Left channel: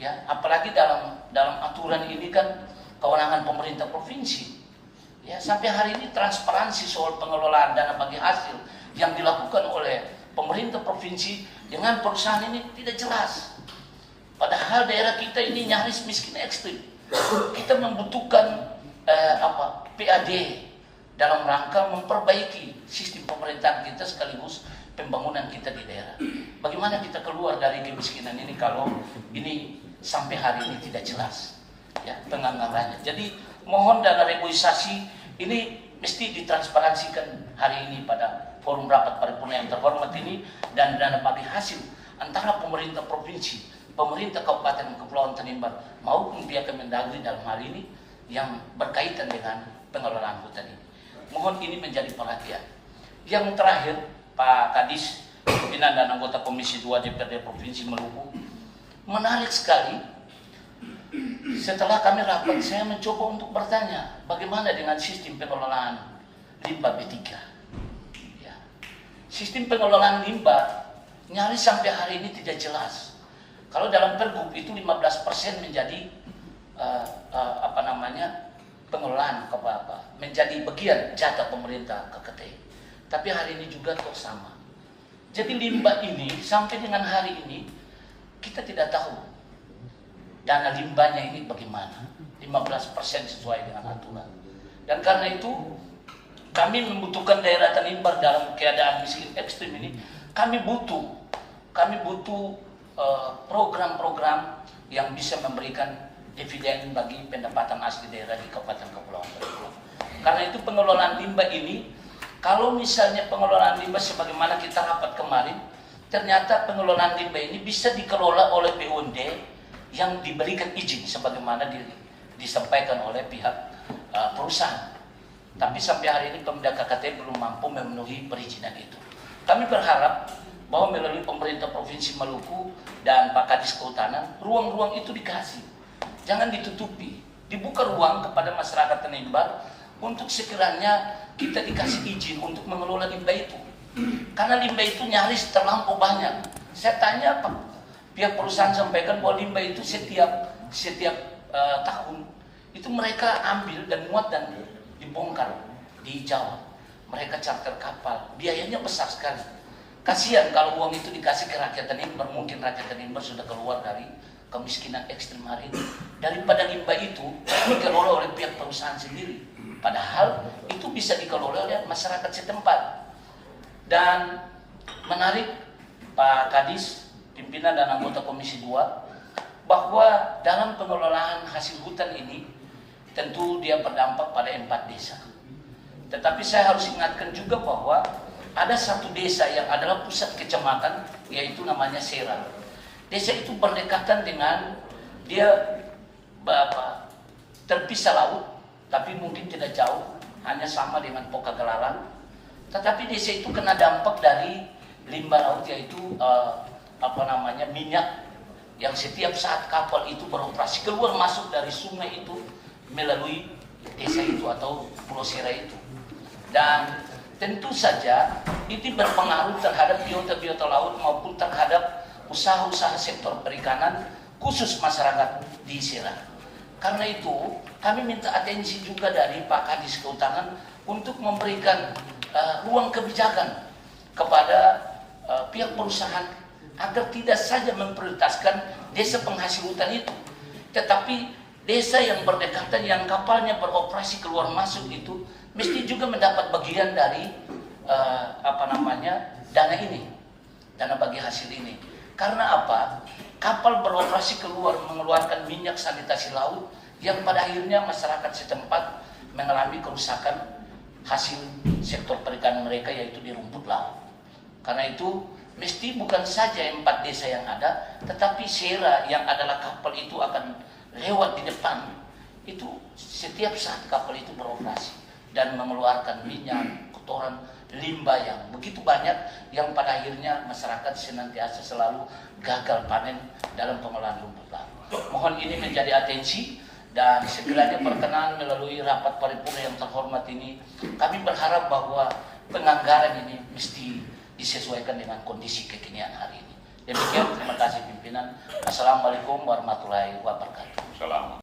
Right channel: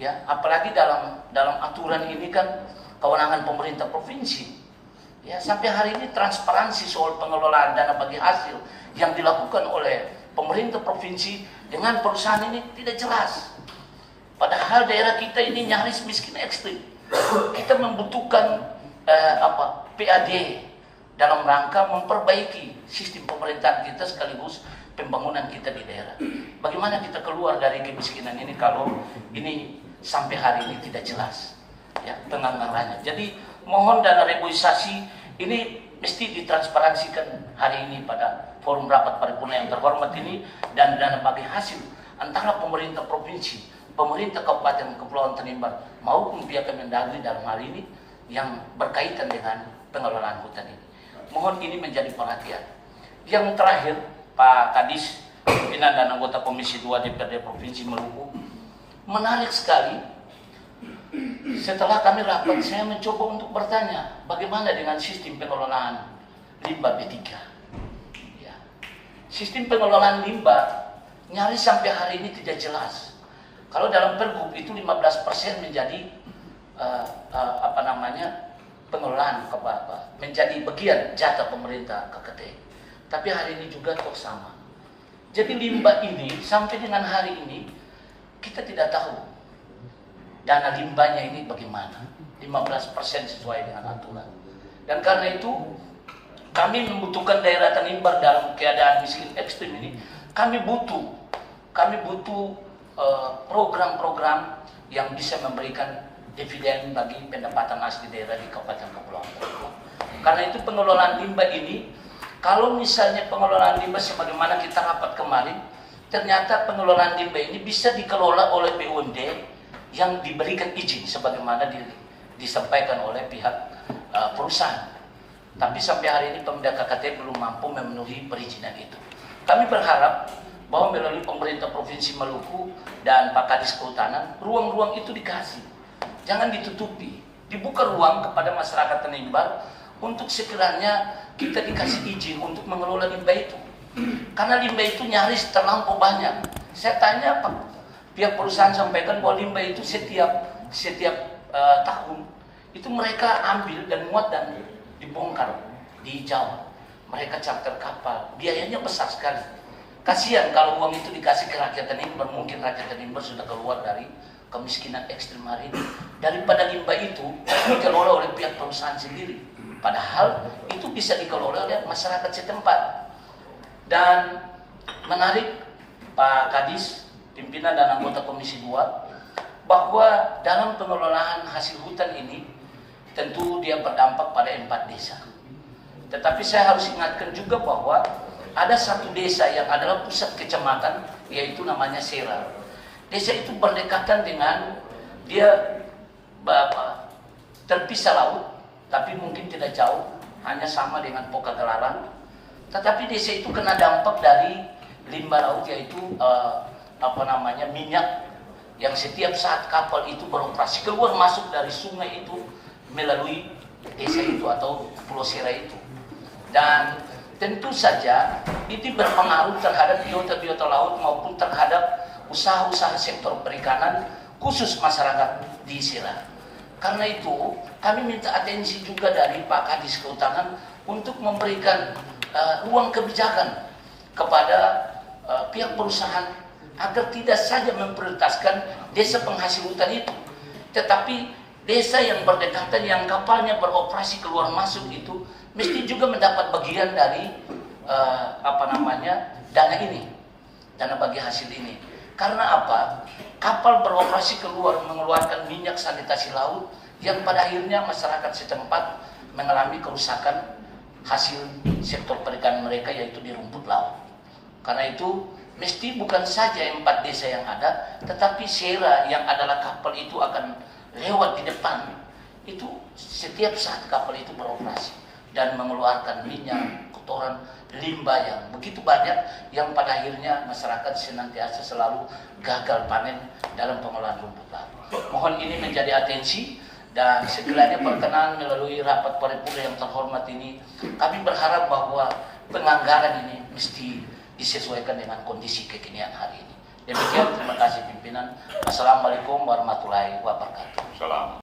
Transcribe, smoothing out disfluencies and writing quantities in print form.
Ya, apalagi dalam aturan ini kan kewenangan pemerintah provinsi. Ya, sampai hari ini transparansi soal pengelolaan dana bagi hasil yang dilakukan oleh pemerintah provinsi dengan perusahaan ini tidak jelas. Padahal daerah kita ini nyaris miskin ekstrim. Kita membutuhkan PAD dalam rangka memperbaiki sistem pemerintahan kita sekaligus pembangunan kita di daerah. Bagaimana kita keluar dari kemiskinan ini kalau ini sampai hari ini tidak jelas ya penganggarannya. Jadi mohon dana reboisasi ini mesti ditransparansikan hari ini pada forum rapat paripurna yang terhormat ini, dan dana bagi hasil antara pemerintah provinsi, pemerintah Kabupaten Kepulauan Tanimbar maupun pihak Kemendagri dalam hal ini yang berkaitan dengan pengelolaan hutan ini. Mohon ini menjadi perhatian. Yang terakhir, Pak Kadis, pimpinan dan anggota Komisi 2 DPRD Provinsi Maluku, menarik sekali. Setelah kami rapat, saya mencoba untuk bertanya, bagaimana dengan sistem pengelolaan limbah B3? Ya. Sistem pengelolaan limbah nyaris sampai hari ini tidak jelas. Kalau dalam Pergub itu 15% menjadi pengelolaan menjadi bagian jatah pemerintah KKT. Tapi hari ini juga toh sama. Jadi limbah ini sampai dengan hari ini kita tidak tahu dana limbahnya ini bagaimana. 15% sesuai dengan aturan. Dan karena itu kami membutuhkan daerah Tanimbar dalam keadaan miskin ekstrim ini. Kami butuh program-program yang bisa memberikan dividen bagi pendapatan asli daerah di Kabupaten Kepulauan Tanimbar. Karena itu pengelolaan limbah ini, kalau misalnya pengelolaan limbah sebagaimana kita rapat kemarin, ternyata pengelolaan limbah ini bisa dikelola oleh BUMD yang diberikan izin sebagaimana disampaikan oleh pihak perusahaan. Tapi sampai hari ini Pemda KKT belum mampu memenuhi perizinan itu. Kami berharap bahwa melalui pemerintah Provinsi Maluku dan Pak Kadis Kehutanan, ruang-ruang itu dikasih. Jangan ditutupi. Dibuka ruang kepada masyarakat Tanimbar untuk sekiranya kita dikasih izin untuk mengelola limbah itu. Karena limbah itu nyaris terlampau banyak. Saya tanya Pak, pihak perusahaan sampaikan bahwa limbah itu setiap tahun itu mereka ambil dan muat dan dibongkar di Jawa. Mereka charter kapal, biayanya besar sekali. Kasihan kalau uang itu dikasih ke rakyat Tanimbar, mungkin rakyat Tanimbar sudah keluar dari kemiskinan ekstrem hari ini. Daripada limbah itu dikelola oleh pihak perusahaan sendiri. Padahal itu bisa dikelola oleh masyarakat setempat. Dan menarik Pak Kadis, pimpinan dan anggota Komisi 2, bahwa dalam pengelolaan hasil hutan ini tentu dia berdampak pada 4 desa. Tetapi saya harus ingatkan juga bahwa ada satu desa yang adalah pusat kecamatan, yaitu namanya Sera. Desa itu berdekatan dengan dia terpisah laut, tapi mungkin tidak jauh, hanya sama dengan Pokagelaran. Tetapi desa itu kena dampak dari limbah laut, yaitu minyak yang setiap saat kapal itu beroperasi keluar masuk dari sungai itu melalui desa itu atau Pulau Sera itu. Dan tentu saja itu berpengaruh terhadap biota-biota laut maupun terhadap usaha-usaha sektor perikanan khusus masyarakat di Sera. Karena itu kami minta atensi juga dari Pak Kadis Kehutanan untuk memberikan ruang kebijakan kepada pihak perusahaan agar tidak saja memprioritaskan desa penghasil hutan itu, tetapi desa yang berdekatan yang kapalnya beroperasi keluar masuk itu mesti juga mendapat bagian dari dana ini, dana bagi hasil ini. Karena apa? Kapal beroperasi keluar mengeluarkan minyak sanitasi laut yang pada akhirnya masyarakat setempat mengalami kerusakan hasil sektor perikanan mereka, yaitu di rumput laut. Karena itu mesti bukan saja 4 desa yang ada, tetapi Sera yang adalah kapal itu akan lewat di depan. Itu setiap saat kapal itu beroperasi dan mengeluarkan minyak, kotoran, limbah yang begitu banyak yang pada akhirnya masyarakat senantiasa selalu gagal panen dalam pengolahan rumput laut. Mohon ini menjadi atensi dan segera perkenan melalui rapat paripurna yang terhormat ini. Kami berharap bahwa penganggaran ini mesti disesuaikan dengan kondisi kekinian hari ini. Demikian, terima kasih pimpinan. Assalamualaikum warahmatullahi wabarakatuh. Salam.